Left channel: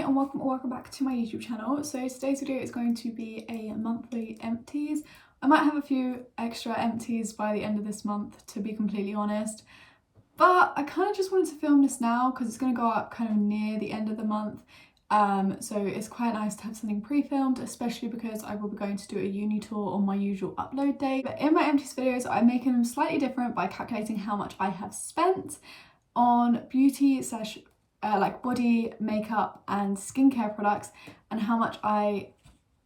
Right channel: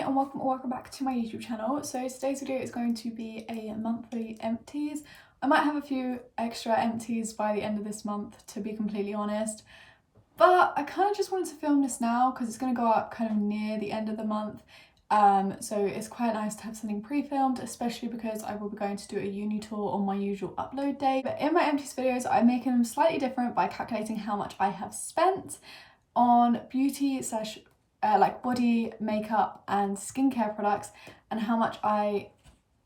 everybody, and welcome back to my YouTube channel. So today's video is going to be a monthly empties. I might have a few extra empties by the end of this month, to be completely honest, but I kind of just wanted to film this now because it's going to go up kind of near the end of the month. So it's quite nice to have something pre-filmed, especially because I will be going to do a uni tour on my usual upload day. But in my empties videos, I'm making them slightly different by calculating how much I have spent on beauty slash like body, makeup and skincare products, and how much I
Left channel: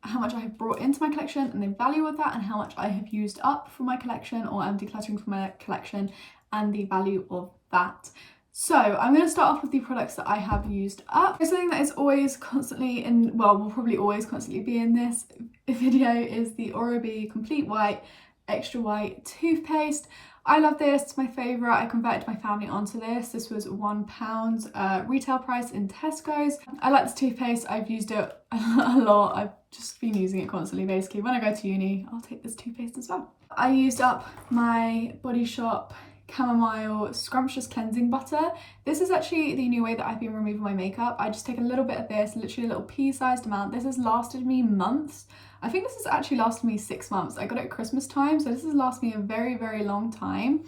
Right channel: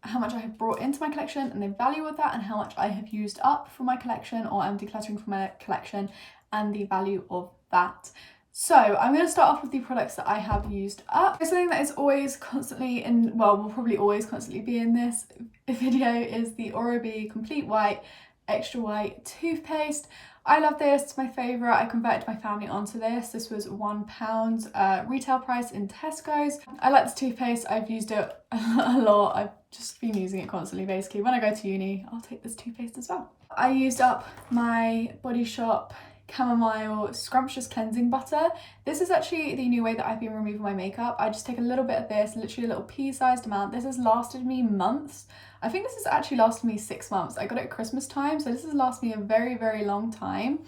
have brought into my collection and the value of that, and how much I have used up from my collection or am decluttering from my collection and the value of that. So I'm going to start off with the products that I have used up. Something that is always constantly in, well, will probably always constantly be in this video is the Oral-B Complete White Extra White toothpaste. I love this, it's my favourite. I converted my family onto this. This was £1 retail price in Tesco's. I like this toothpaste, I've used it a lot. I've just been using it constantly basically. When I go to uni, I'll take this toothpaste as well. I used up my Body Shop Chamomile Scrumptious Cleansing Butter. This is actually the new way that I've been removing my makeup. I just take a little bit of this, literally a little pea-sized amount. This has lasted me months. I think this has actually lasted me 6 months. I got it at Christmas time, so this has lasted me a very, very long time.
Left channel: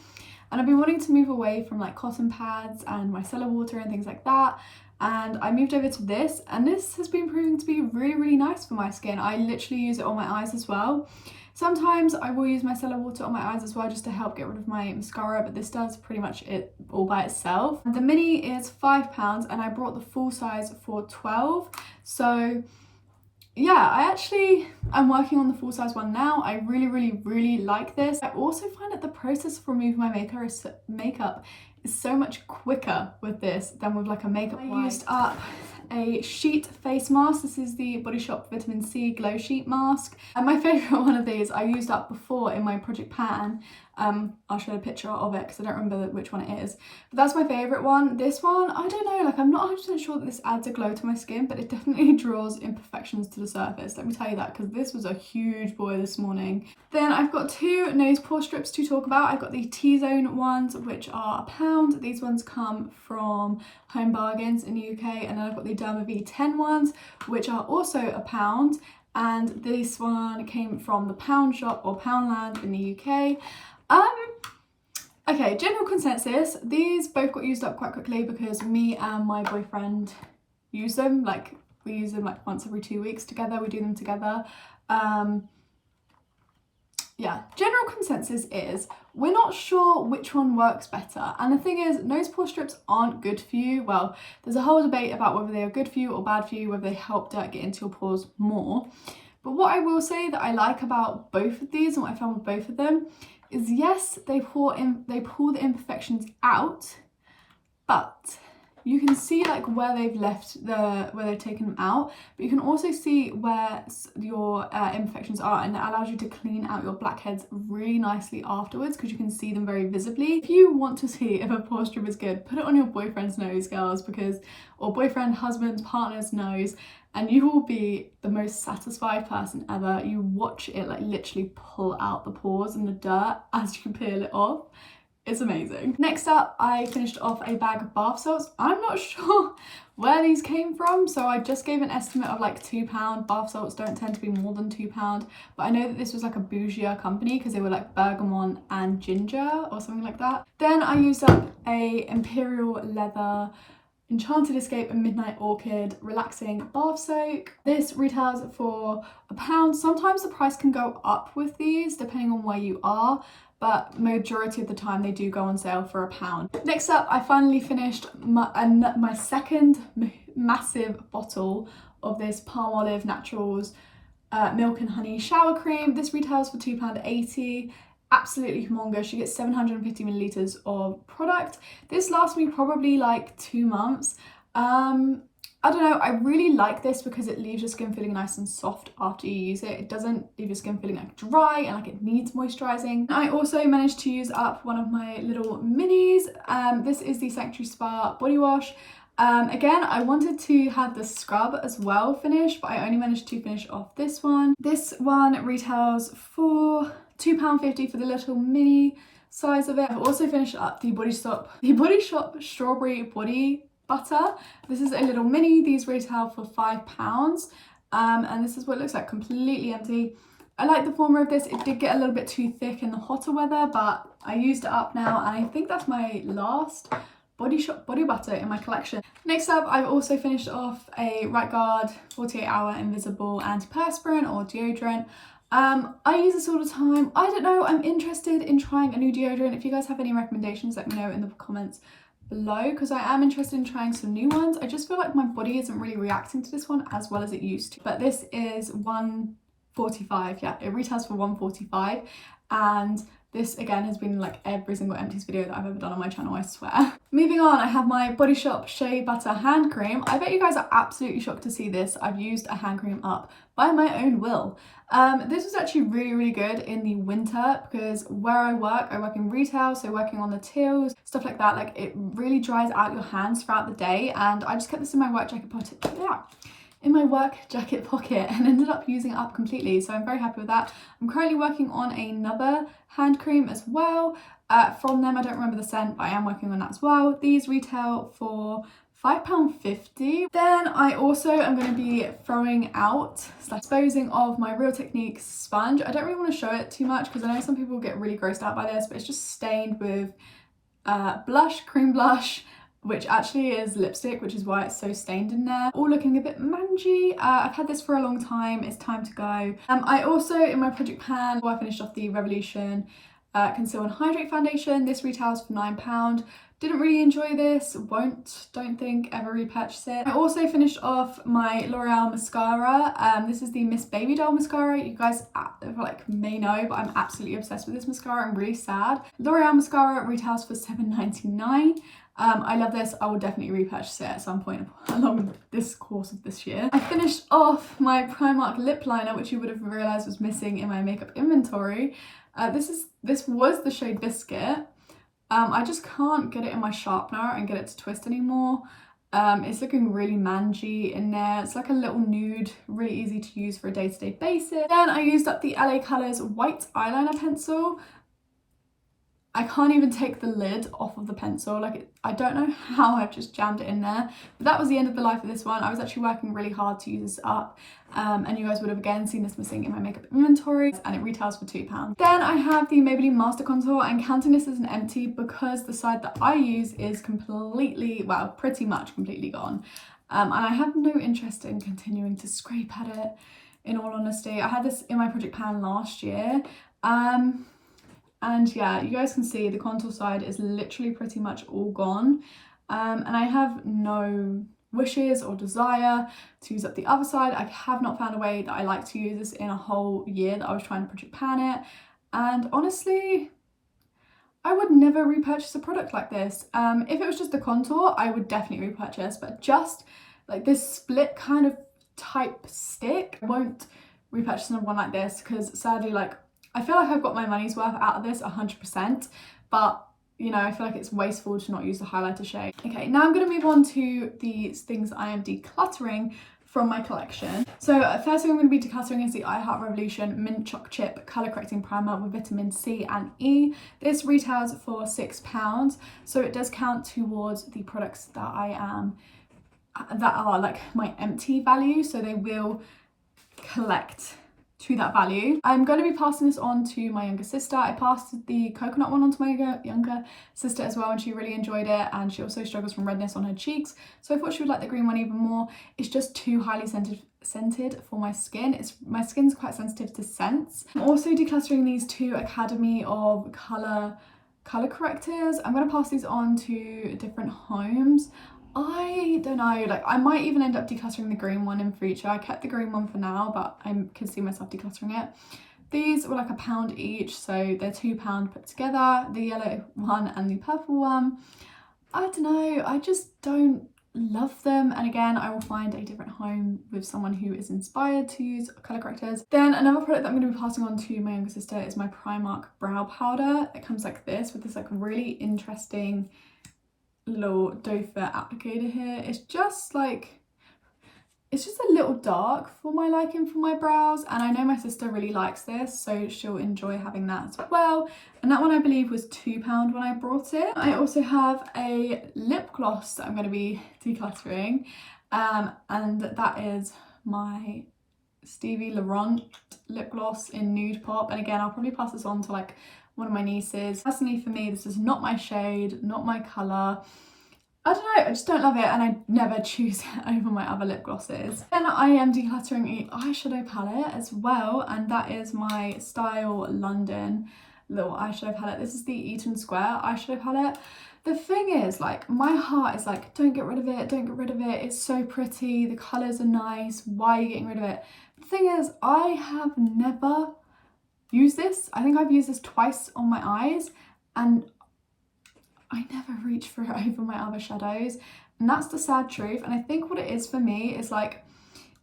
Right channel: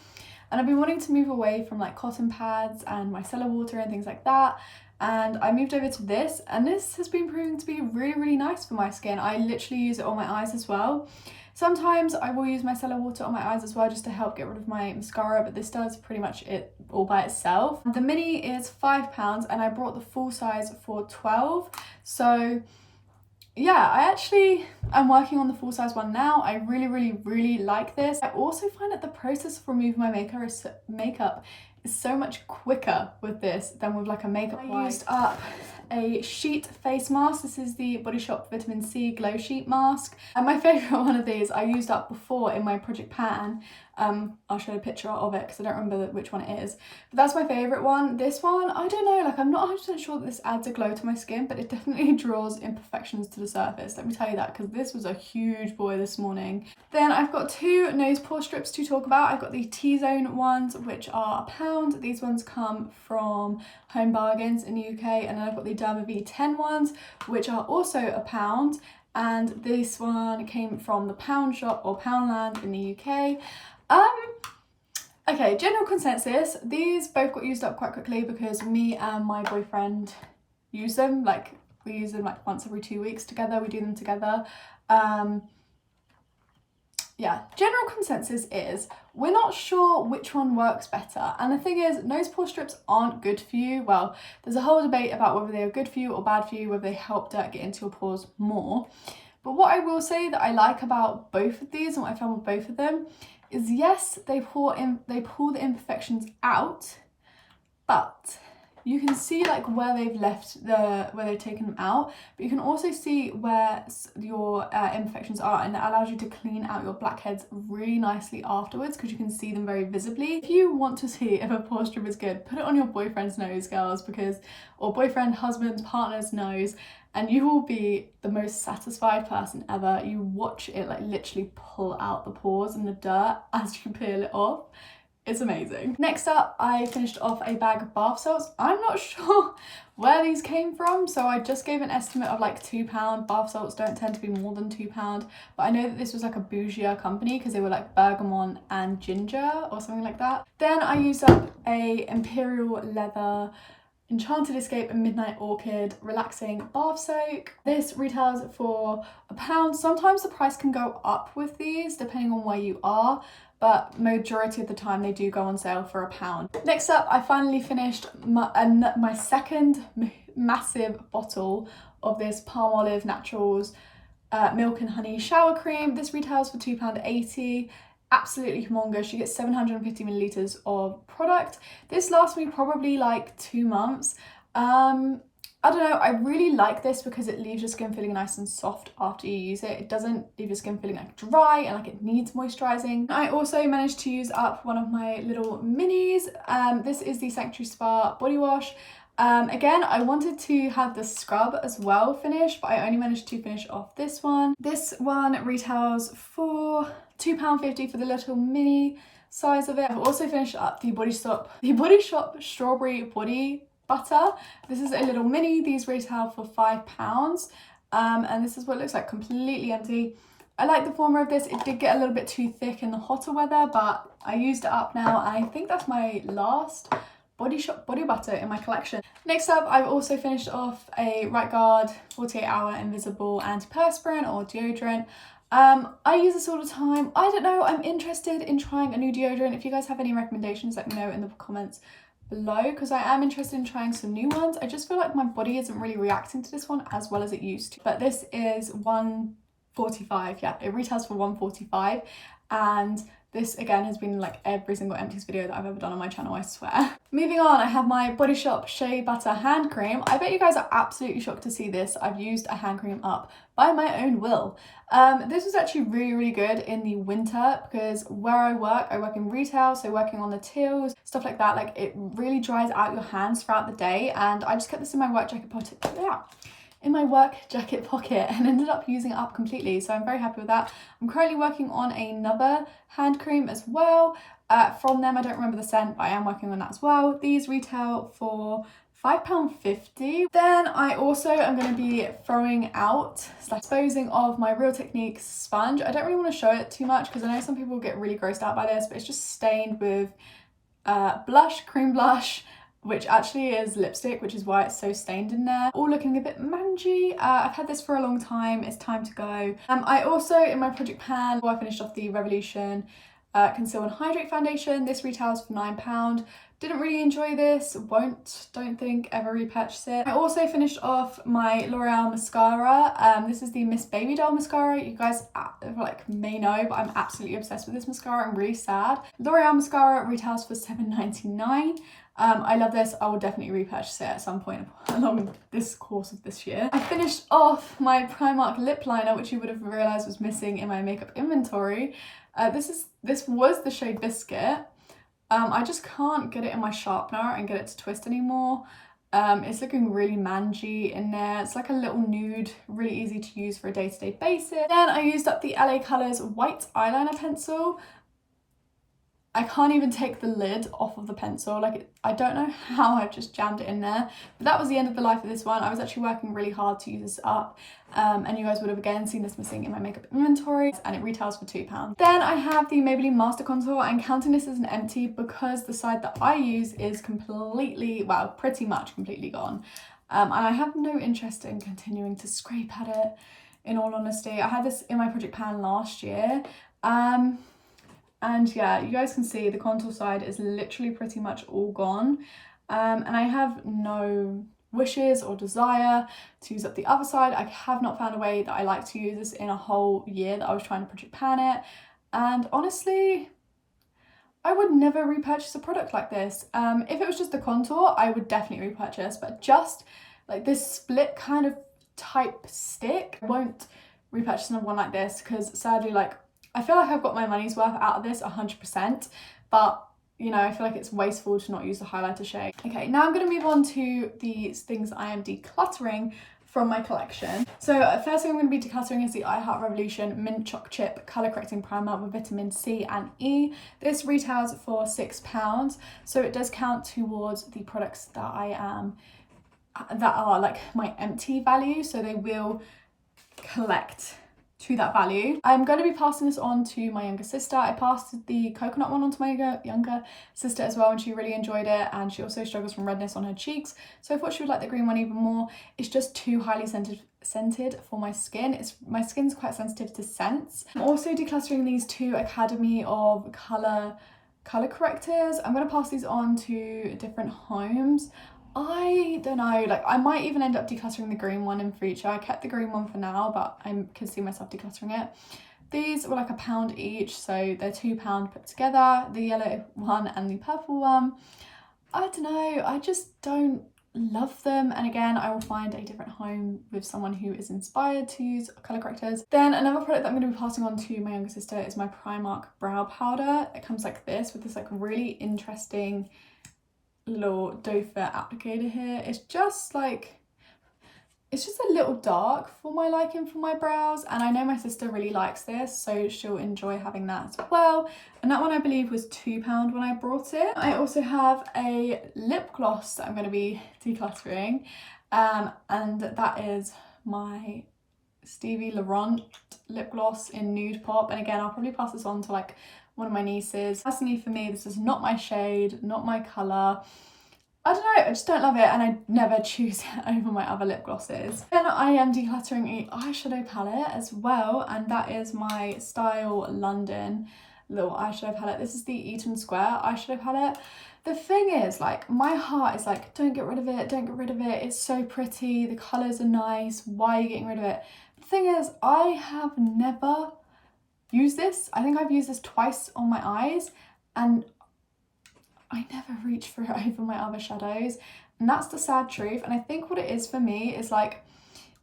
And I've been wanting to move away from like cotton pads and micellar water and things like that. And I moved over to this, and this has been proving to be really, really nice for my skin. I literally use it on my eyes as well. Sometimes I will use micellar water on my eyes as well just to help get rid of my mascara, but this does pretty much it all by itself. The mini is £5 and I brought the full size for £12. So yeah, I actually am working on the full size one now. I really, really, really like this. I also find that the process of removing my makeup is so much quicker with this than with like a makeup wipe. I used up a sheet face mask. This is the Body Shop Vitamin C Glow Sheet Mask. And my favourite one of these I used up before in my project pan. I'll show a picture of it because I don't remember which one it is. But that's my favourite one. This one, I don't know, like I'm not 100% sure that this adds a glow to my skin, but it definitely draws imperfections to the surface. Let me tell you that, because this was a huge boy this morning. Then I've got two nose pore strips to talk about. I've got the T-Zone ones, which are £1. These ones come from Home Bargains in the UK. And then I've got the Derma V10 ones, which are also £1. And this one came from the Pound Shop or Poundland in the UK. Okay, general consensus, these both got used up quite quickly because me and my boyfriend use them. Like, we use them like once every 2 weeks together, we do them together. Yeah, general consensus is we're not sure which one works better. And the thing is, nose pore strips aren't good for you. Well, there's a whole debate about whether they are good for you or bad for you, whether they help dirt get into your pores more. But what I will say that I like about both of these and what I found with both of them is, yes, they pull the imperfections out, but you can see like where they've taken them out, but you can also see where your imperfections are, and that allows you to clean out your blackheads really nicely afterwards because you can see them very visibly. If you want to see if a pore strip is good, put it on your boyfriend's nose, girls, or boyfriend, husband, partner's nose, and you will be the most satisfied person ever. You watch it like literally pull out the pores and the dirt as you peel it off. It's amazing. Next up, I finished off a bag of bath salts. I'm not sure where these came from, so I just gave an estimate of like £2. Bath salts don't tend to be more than £2, but I know that this was like a bougier company because they were like bergamot and ginger or something like that. Then I used up a Imperial Leather Enchanted Escape and Midnight Orchid Relaxing Bath Soak. This retails for £1. Sometimes the price can go up with these depending on where you are, but majority of the time they do go on sale for £1. Next up, I finally finished my second massive bottle of this Palmolive Naturals Milk and Honey Shower Cream. This retails for £2.80. Absolutely humongous. You get 750 millilitres of product. This lasts me probably like 2 months. I don't know, I really like this because it leaves your skin feeling nice and soft after you use it. It doesn't leave your skin feeling like dry and like it needs moisturising. I also managed to use up one of my little minis. This is the Sanctuary Spa body wash. Again, I wanted to have the scrub as well finished, but I only managed to finish off this one. This one retails for £2.50 for the little mini size of it. I've also finished up the Body Shop Strawberry Body butter. This is a little mini. These retail for £5. And this is what it looks like, completely empty. I like the formula of this. It did get a little bit too thick in the hotter weather, but I used it up now, and I think that's my last Body Shop body butter in my collection. Next up, I've also finished off a Right Guard 48-hour invisible antiperspirant or deodorant. I use this all the time. I don't know, I'm interested in trying a new deodorant. If you guys have any recommendations, let me know in the comments below, because I am interested in trying some new ones. I just feel like my body isn't really reacting to this one as well as it used to. But this is $1.45. Yeah, it retails for $1.45, and this again has been like every single Empties video that I've ever done on my channel, I swear. Moving on, I have my Body Shop Shea Butter hand cream. I bet you guys are absolutely shocked to see this. I've used a hand cream up by my own will. This was actually really good in the winter, because where I work in retail, so working on the tills, stuff like that, like it really dries out your hands throughout the day, and I just kept this in my work jacket pocket, and ended up using it up completely, so I'm very happy with that. I'm currently working on another hand cream as well from them. I don't remember the scent, but I am working on that as well. These retail for £5.50. Then I also am going to be throwing out / disposing of my Real Techniques sponge. I don't really want to show it too much because I know some people get really grossed out by this, but it's just stained with cream blush, which actually is lipstick, which is why it's so stained in there. All looking a bit mangy. I've had this for a long time. It's time to go. I also, in my project pan, I finished off the Revolution Conceal and Hydrate Foundation. This retails for £9. Didn't really enjoy this, don't think ever repurchase it. I also finished off my L'Oreal mascara. This is the Miss Baby Doll mascara. You guys like may know, but I'm absolutely obsessed with this mascara. I'm really sad. L'Oreal mascara retails for £7.99. I love this. I will definitely repurchase it at some point along this course of this year. I finished off my Primark lip liner, which you would have realised was missing in my makeup inventory. This was the shade Biscuit. I just can't get it in my sharpener and get it to twist anymore. It's looking really mangy in there. It's like a little nude, really easy to use for a day-to-day basis. Then I used up the LA Colors white eyeliner pencil. I can't even take the lid off of the pencil. Like, I don't know how I've just jammed it in there. But that was the end of the life of this one. I was actually working really hard to use this up. And you guys would have again seen this missing in my makeup inventory, and it retails for £2. Then I have the Maybelline Master Contour. I'm counting this as an empty because the side that I use is completely, well, pretty much completely gone. And I have no interest in continuing to scrape at it, in all honesty. I had this in my project pan last year. And yeah, you guys can see the contour side is literally pretty much all gone. And I have no wishes or desire to use up the other side. I have not found a way that I like to use this in a whole year that I was trying to project pan it. And honestly, I would never repurchase a product like this. If it was just the contour, I would definitely repurchase, but just like this split kind of type stick, I won't repurchase another one like this, because sadly, like, I feel like I've got my money's worth out of this 100%, but you know, I feel like it's wasteful to not use the highlighter shade. Okay, now I'm going to move on to these things I am decluttering from my collection. So first thing I'm going to be decluttering is the I Heart Revolution Mint Choc Chip Colour Correcting Primer with vitamin C and E. This retails for £6, so it does count towards the products that that are like my empty value, so they will collect to that value. I'm going to be passing this on to my younger sister. I passed the coconut one on to my younger sister as well, and she really enjoyed it, and she also struggles from redness on her cheeks, so I thought she would like the green one even more. It's just too highly scented for my skin. My skin's quite sensitive to scents. I'm also decluttering these two Academy of Colour correctors. I'm going to pass these on to different homes. I don't know, like I might even end up decluttering the green one in future. I kept the green one for now, but I could see myself decluttering it. These were like £1 each, so they're £2 put together, the yellow one and the purple one. I don't know, I just don't love them, and again I will find a different home with someone who is inspired to use colour correctors. Then another product that I'm going to be passing on to my younger sister is my Primark brow powder. It comes like this with this like really interesting little doe foot applicator here. It's just a little dark for my liking for my brows, and I know my sister really likes this, so she'll enjoy having that as well. and that one I believe was £2 when I brought it. I also have a lip gloss that I'm going to be decluttering, and that is my Stevie Laurent lip gloss in Nude Pop, and again I'll probably pass this on to like one of my nieces. Personally for me, this is not my shade, not my colour. I don't know, I just don't love it, and I never choose it over my other lip glosses. Then I am decluttering a eyeshadow palette as well, and that is my Style London little eyeshadow palette. This is the Eaton Square eyeshadow palette. The thing is, like, my heart is like, don't get rid of it, don't get rid of it, it's so pretty, the colours are nice, why are you getting rid of it? The thing is, I have never used this. I think I've used this twice on my eyes, and I never reach for it over my other shadows, and that's the sad truth. And I think what it is for me is like,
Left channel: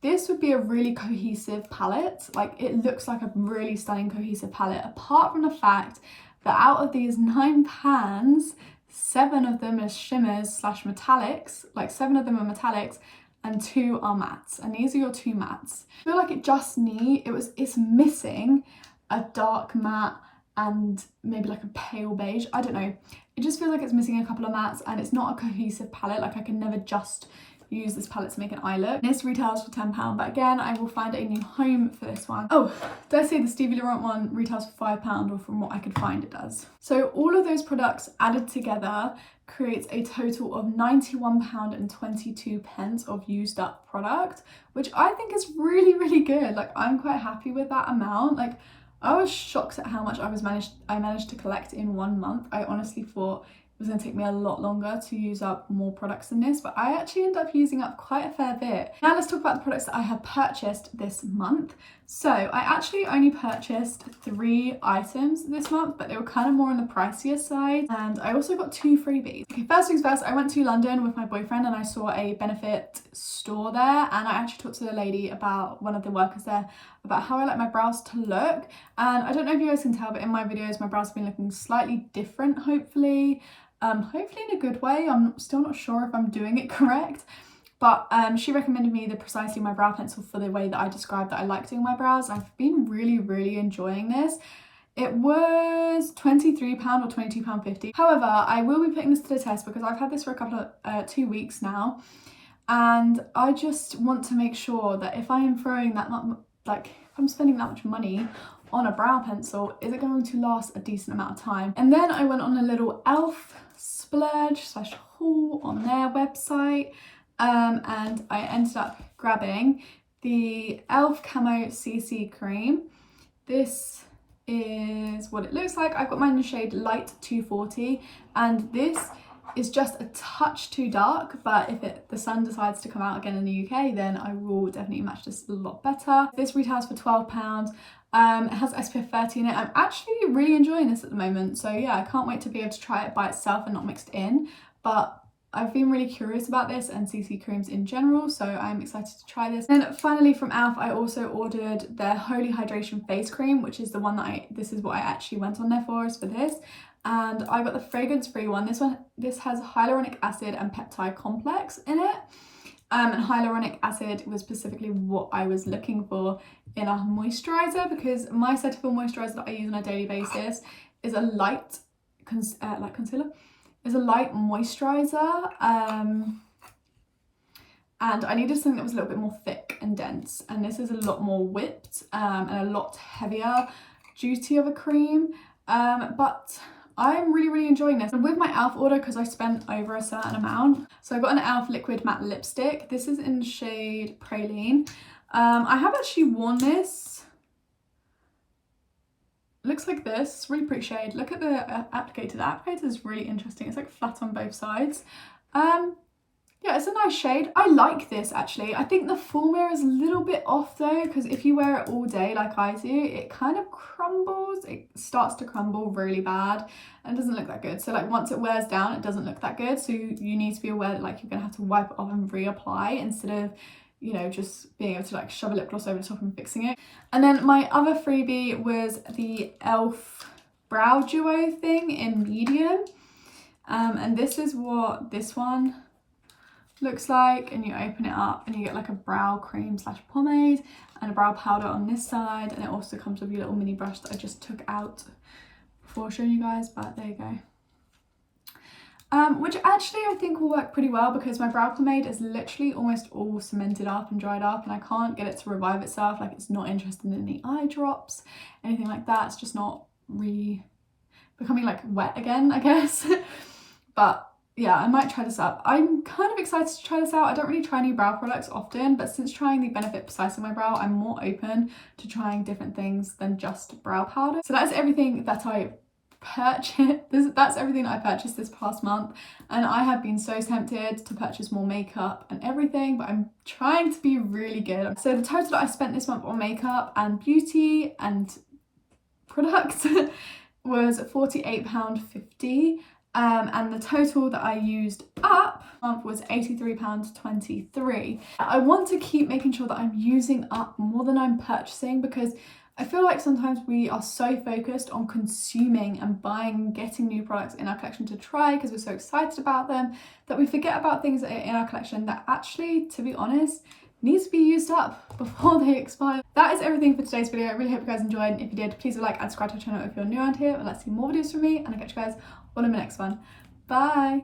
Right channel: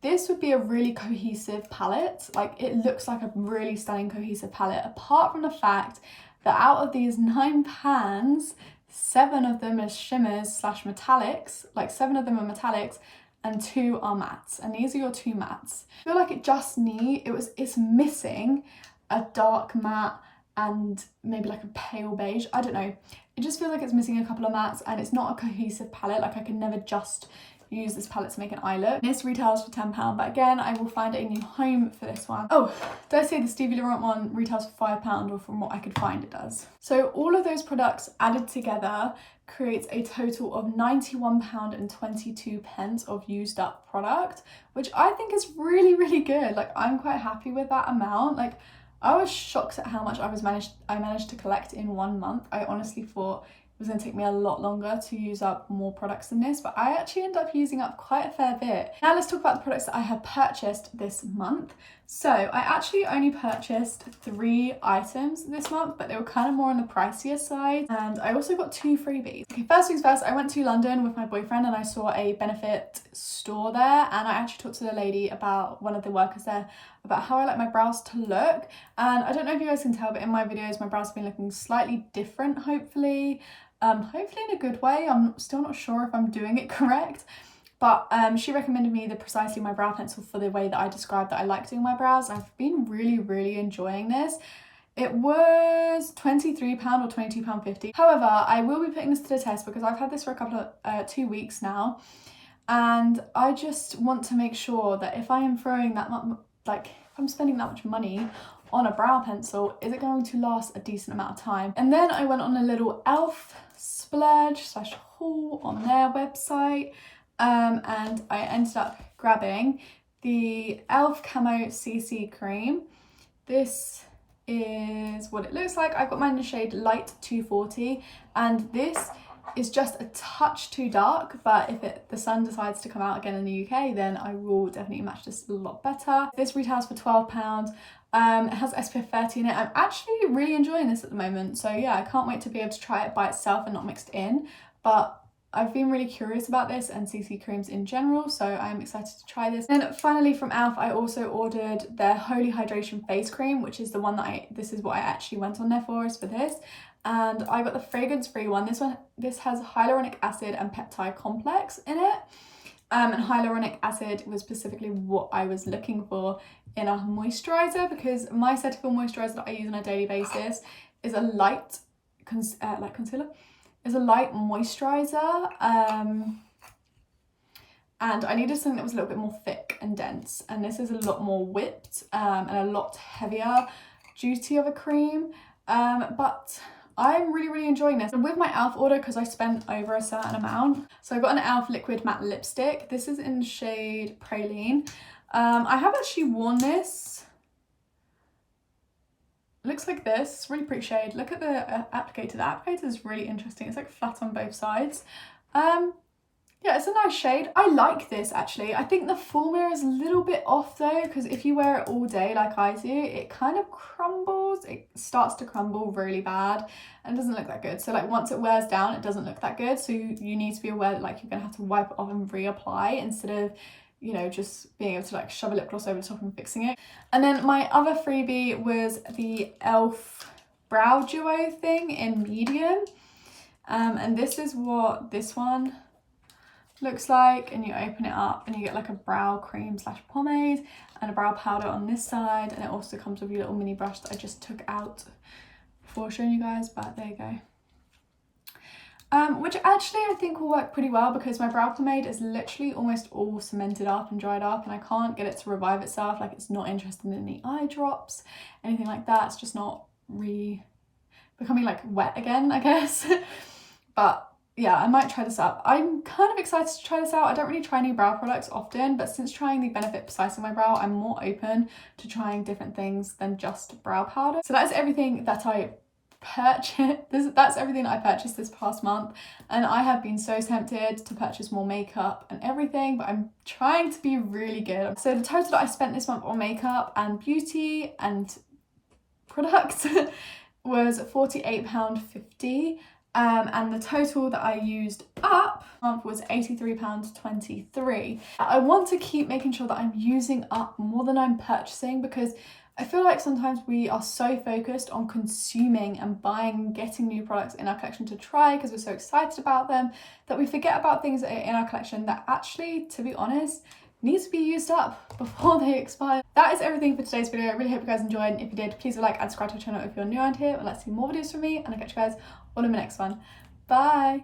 this would be a really cohesive palette. Like, it looks like a really stunning cohesive palette, apart from the fact that out of these 9 pans, 7 of them are shimmers slash metallics, like 7 of them are metallics and 2 are mattes, and these are your 2 mattes. I feel like it just it's missing a dark matte and maybe like a pale beige, I don't know. It just feels like it's missing a couple of mattes, and it's not a cohesive palette. Like, I can never just use this palette to make an eye look. This retails for £10, but again, I will find a new home for this one. Oh, did I say the Stevie Laurent one retails for £5, or from what I could find it does. So all of those products added together creates a total of £91.22 of used up product, which I think is really, really good. Like, I'm quite happy with that amount. Like, I was shocked at how much I managed to collect in 1 month. I honestly thought it was going to take me a lot longer to use up more products than this, but I actually ended up using up quite a fair bit. Now let's talk about the products that I have purchased this month. So I actually only purchased 3 items this month, but they were kind of more on the pricier side, and I also got 2 freebies. Okay, first things first, I went to London with my boyfriend and I saw a benefit store there, and I actually talked to the lady about, one of the workers there, about how I like my brows to look. And I don't know if you guys can tell, but in my videos my brows have been looking slightly different, hopefully in a good way. I'm still not sure if I'm doing it correct, but she recommended me the Precisely My Brow Pencil for the way that I described that I like doing my brows. I've been really enjoying this. It was £23 or £22.50. However, I will be putting this to the test because I've had this for a couple of 2 weeks now, and I just want to make sure that if I am throwing that much, like if I'm spending that much money on a brow pencil, is it going to last a decent amount of time? And then I went on a little elf splurge slash haul on their website, and I ended up grabbing the elf camo CC cream. This is what it looks like. I've got mine in the shade light 240, and this is just a touch too dark, but if the sun decides to come out again in the UK, then I will definitely match this a lot better. This retails for £12. It has SPF 30 in it. I'm actually really enjoying this at the moment, so yeah, I can't wait to be able to try it by itself and not mixed in, but I've been really curious about this and CC creams in general, so I'm excited to try this. And finally from e.l.f. I also ordered their Holy Hydration Face Cream, which is the one that this is what I actually went on there for, is for this. And I got the fragrance-free one. This has hyaluronic acid and peptide complex in it. And hyaluronic acid was specifically what I was looking for in a moisturizer, because my Cetaphil moisturizer that I use on a daily basis is a light, like concealer, is a light moisturizer. And I needed something that was a little bit more thick and dense. And this is a lot more whipped and a lot heavier duty of a cream. But I'm really enjoying this. And with my e.l.f. order, because I spent over a certain amount, so I got an e.l.f. liquid matte lipstick. This is in the shade Praline. I have actually worn this. Looks like this. It's really pretty shade. Look at the applicator. The applicator is really interesting. It's like flat on both sides. Yeah, it's a nice shade. I like this actually. I think the formula is a little bit off though, because if you wear it all day like I do, it kind of crumbles. It starts to crumble really bad and doesn't look that good. So like once it wears down, it doesn't look that good. So you need to be aware that like you're gonna have to wipe it off and reapply instead of, you know, just being able to like shove a lip gloss over the top and fixing it. And then my other freebie was the e.l.f. brow duo thing in medium. And this is what this one looks like, and you open it up and you get like a brow cream slash pomade and a brow powder on this side, and it also comes with your little mini brush that I just took out before showing you guys, but there you go. Which actually I think will work pretty well because my brow pomade is literally almost all cemented up and dried up, and I can't get it to revive itself. Like, it's not interested in any eye drops, anything like that. It's just not becoming like wet again, I guess. But yeah, I might try this out. I'm kind of excited to try this out. I don't really try new brow products often, but since trying the Benefit Precise on my brow, I'm more open to trying different things than just brow powder. So that is everything that I that's everything I purchased this past month, and I have been so tempted to purchase more makeup and everything, but I'm trying to be really good. So the total that I spent this month on makeup and beauty and products was £48.50, and the total that I used up month was £83.23. I want to keep making sure that I'm using up more than I'm purchasing, because I feel like sometimes we are so focused on consuming and buying, getting new products in our collection to try because we're so excited about them, that we forget about things that are in our collection that actually, to be honest, needs to be used up before they expire. That is everything for today's video. I really hope you guys enjoyed, and if you did, please like and subscribe to the channel if you're new around here and let's see more videos from me, and I'll catch you guys all in my next one. Bye!